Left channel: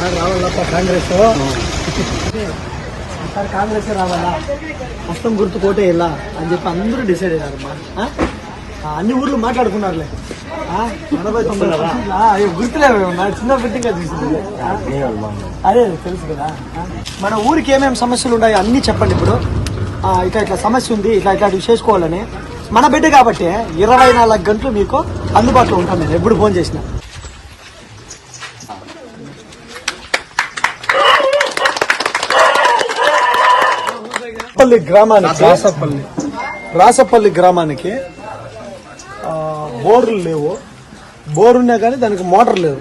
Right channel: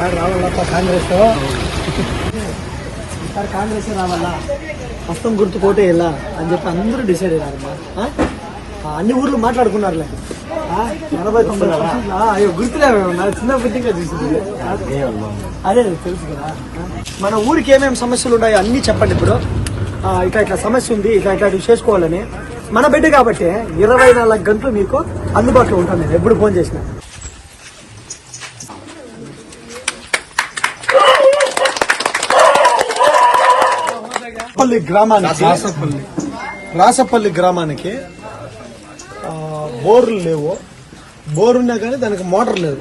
వస్తా కాంగ్రెస్. ఈసారి కాంగ్రెస్ రావాలా? మొత్తం గుర్తు కోటే ఇలా అని చెప్పి అందరూ డిసైడ్ అయ్యారమ్మా. అన్ని ఊర్లు మాట్లాడుకున్నారులే. ఎనభై తొంభై అయ్యో చిన్న బిడ్డగా తీసింది ఆ? అదే తెలుసు కదా? మన ఊరికి ఏమేమి సమస్యలు ఉన్నాయో అన్ని చెప్పండి ఇప్పుడు. ఇట్లా ఇట్లా సమస్య ఉంది ఇట్లా ఇట్లాంటివి చేసుకోవాలని. మన బిడ్డ కాబట్టి ఇరవై నాలుగు గంటలు మీకు అందుబాటులో ఉంటాను నేను. ఎప్పుడు ఫోన్ చేసినా. రాసపల్లి గ్రామానికి రాసపల్లి. రాసపల్లి గ్రామానికి బోర్లు లేవు. బోర్ ఉన్నా కానీ దానికి మోటార్ లేదు.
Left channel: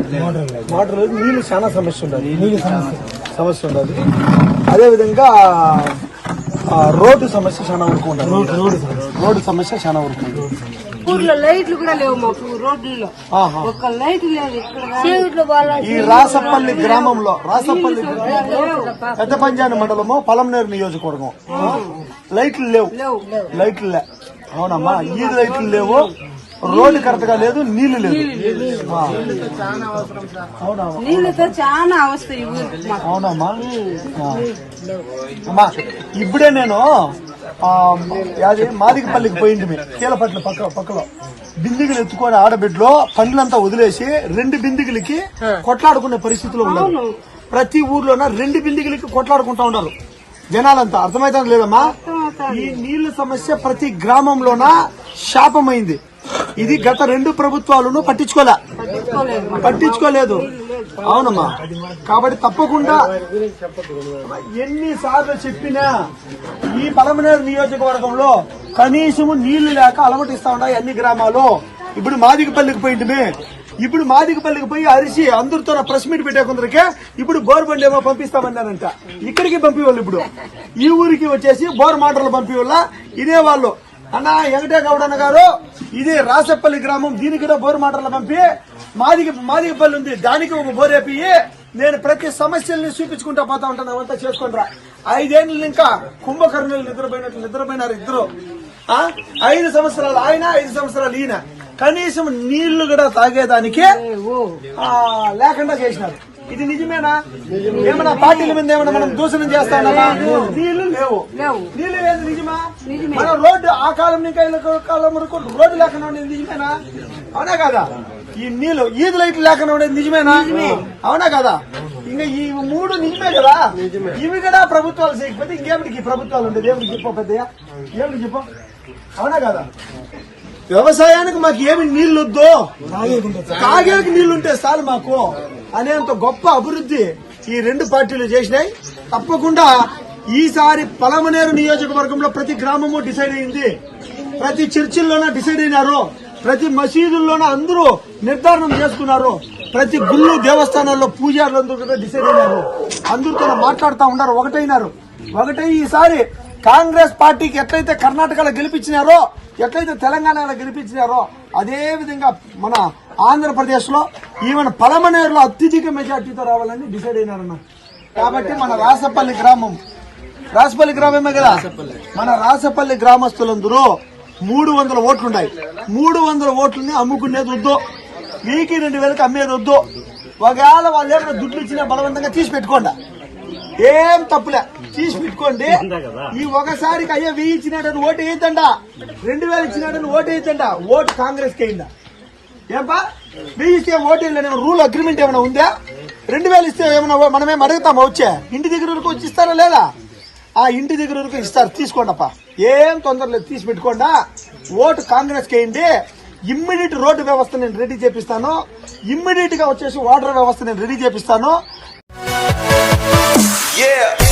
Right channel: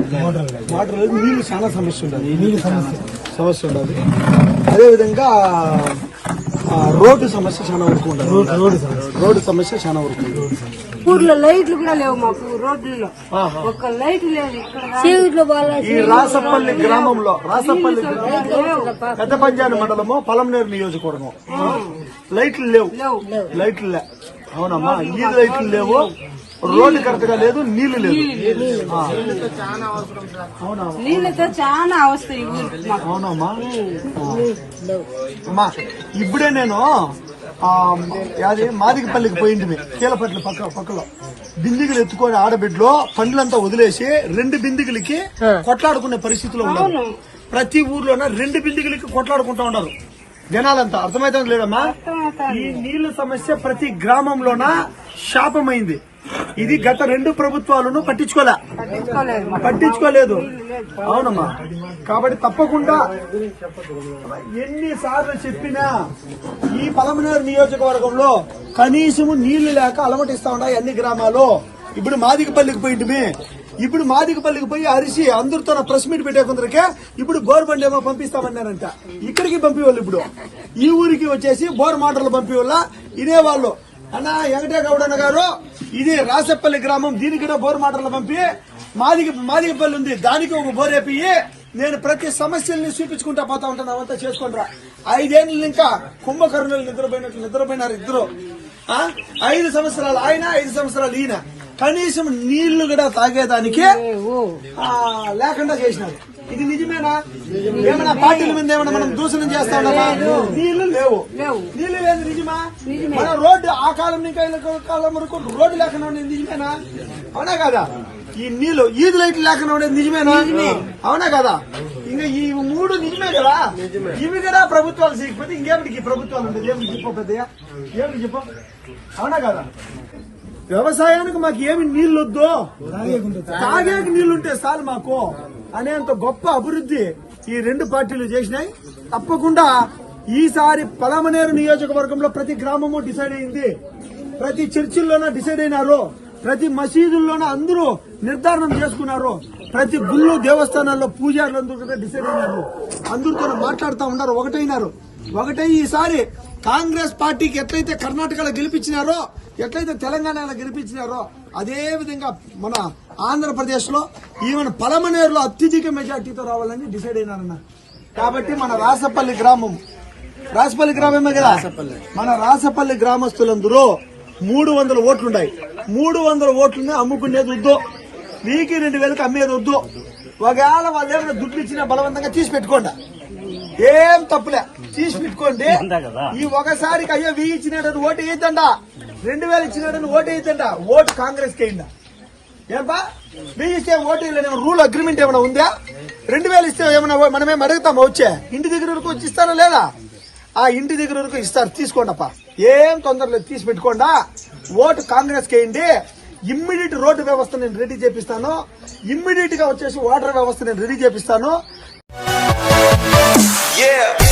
మోటార్ లేదు. నీళ్ళు చాలా సమస్య ఉండదు నీళ్ళు సమస్య. సమస్య ఉండదు అదే విధంగా ఆ, రోడ్డు సమస్య చాలా వరకు రోడ్డు సమస్య. చాలా వరకు ఊర్లో లైట్లు కూడా లేవు మాకు రోడ్లలో. ఒక్క లైట్ లేదు. ఈ రాసపల్లి గ్రామంలో రాసపల్లి పెద్ద పంచాయతీ మండలము పలంనేరు నియోజకవర్గం. లైట్లు లేవు. లైట్లు లే అవునమ్మా ఈ లైట్లు లేవు. రోడ్డు కరెక్ట్గా లేదు నీళ్ళు లేదు. నీళ్ళతో చాలా అవస్థ అవునమ్మా. అమ్మా ఇప్పుడే నేను ఆ, యాది మాదికపల్లికి పోయింది కీలపట్ల పక్క పక్కలో. బిందిగులు ఎత్తుకొని ఆడబిడ్డలో పనులంతా వదిలేసి రెండు బిందిగులకి కొట్లాడుకునే పరిస్థితిలో ఉన్నారు. ప్రతి ఊర్లోన రెండు బిందిగులకి కొట్లాడుకుంటా ఉన్నారు. జనాలంతా. అర్థమైతే లేదమ్మా? ఈ నీళ్ళ సమస్య ప్రతి గ్రామంలోన శాపమైంది. ఇది గత రెండు ప్రభుత్వాలను పట్టించుకోలే. పట్టించుకోలేదు. అవునమ్మా. కాబట్టి తప్పకుండా ఎన్నిసార్లు చెప్పినా ఈ పలమనేరు నియోజకవర్గంలో కనీసము నీళ్ళు లేక అలమటిస్తా ఉన్నాయి అన్ని గ్రామాలు ఇప్పుడు మాదికపల్లికి పోయింటిమి. ఇప్పుడు మాదికపల్లికి పోయి అరిసి అందరితో ప్రెస్ మీట్ పెట్టే కొందరికే ఇప్పుడు గవర్నమెంట్ ఏమో పంపిస్తామన్నానంట ఇక్కడికి పంపివాళ్ళు ఇప్పుడు. ఈ ఊరికి వచ్చేసి బోర్ మాటలు పంపివాళ్ళ. ఇదే వాళ్ళు. అన్న వెంకటే గౌడన్న గారు ఇది రాసపల్లి గ్రామం దీనికి కూడా బోరు మాటలు పంపి మాదికి మాదిగపల్లి ఉంది. దానికి ఒక బోరేపి నేను ప్రతి సమస్యల్ని చూపించుకుంటా పోతా ఉంటాను అవంతా చేసుకుంటారా ఐదేళ్ళు ఇంకా కుంభకర్ణులు నిద్రపోయినట్లు నిద్రపోయినారు ఇద్దరు. ఆ? ఐదు సంవత్సరాలు ఆయన ఐదు సంవత్సరాలు ఈయన. కనీసం నీళ్ళు కూడా తాగేదానికి లేకుండా చేసినారు. ఇది నిజమేనా? ఏమన్నా పార్టీల మీద ఏమన్నా మనం దూషణం చేస్తా ఉన్నామా? నీళ్ళు లేవు. నీళ్ళు లేదు నిజమా? మన రోడ్డు ఆ కాలం నుంచి ఈ కాలం వరకు రోడ్డు లేకుండా ఉండేది నిజమేనా? అవునా కదా? ఈ నీళ్ళు ఈదు లైట్లు లేకుండా ఉండేది నిజమేనా? అవునా కదా? ఇంకా ఈ మూడు నిజమే కదా? ఇవి కూడా ప్రభుత్వాలు చేయకపోతే ఇంకేమిటికి ప్రభుత్వాలు ఉండేది? ఏమిటి చెప్పు పెద్దయ్య ఏమిటి చెప్పు? అవునా కదా? వ్యవసాయానికి మాకు ఏమి నీళ్ళు వద్దు. తాగేకి నీళ్ళుంటే చాలు మాకు. అనేంత గొప్ప అభివృద్ధి ఈ రెండు పార్టీలు చేసినాయి. తప్పకుండా ఈసారి పలమనేరు నియోజకవర్గంలో ప్రతి గ్రామము డిసైడ్ అయింది. ప్రతి చర్చిల్లోనే డిసైడ్ అయినారు. ప్రతి మసీదుల్లోనూ అందరూ నిర్ధారణ చేసుకున్నారు. ప్రతి గుళ్ళు దేవస్థానాల్లో పూజారులందరూ కూడా డిసైడ్ అయినారు. అందరితో మాట్లాడుతూ ఉన్నారు ఒకటైనారు. ఒకటై ఈసారి కాంగ్రెస్ పార్టీకి ఎట్లయితే కర్ణాటకలో గెలిపించినారో ఎట్లయితే తెలంగాణలో గెలిపించినారో అదే విధంగా మన ఆంధ్రప్రదేశ్లో ఈవెన్ పలమనేరులో అత్యధిక మెజార్టీతో రావాలని డిసైడ్ అయినారన్న కాబట్టి మన రాసపల్లి గ్రామం రాసపల్లి గ్రామమే కదా? మన రాసపల్లి గ్రామస్తులందరూ మూడు వందల ఓట్లున్నాయి. మూడు వందల ఓట్లని అమ్ముకునేది వద్దు. మీకు రెండు వేలకు అమ్మేది వద్దు. ఒకవేళ వాళ్ళు ఏమైనా దుడ్లు ఇచ్చినా బలవంతంగా తీసి పెట్టుకోండి. ఏం తప్పులే. తీసి పెట్టుకోండి. ఈ ఒకసారికి అయ్యో వెయ్యి ఇచ్చినాడని ఓటు వేయద్దండ రెండు వేలు ఇచ్చినాడని ఓటు వేయద్దండ ఓటు కాంగ్రెస్కి అయిందా? ఏంపా? మీ ఇస్తే ఓటు రూల్ అగ్రిమెంట్ ఏమైనా ఉందా? రెండు వేలు ఇస్తే ఏమైనా మనమే అడుగుతామా వచ్చే? ఇంటి దగ్గర వరకు వచ్చి ఇస్తారా లేదా? ఆ ఇంటి దగ్గర వరకు ఇస్తారు తీసుకోండి అప్ప ఏం తొందరలేదు తీసి పెట్టుకోండా. ఓటు కాంగ్రెస్ కేయండి వేయండి. ఇమ్మీడియట్ రోడ్డు వ్యవస్థ నేను రెడీ చేపిస్తాను. ఇమ్మీడియట్గా వచ్చేసి వాటర్ వ్యవస్థ నేను రెడీ చేపిస్తాను. Yeah.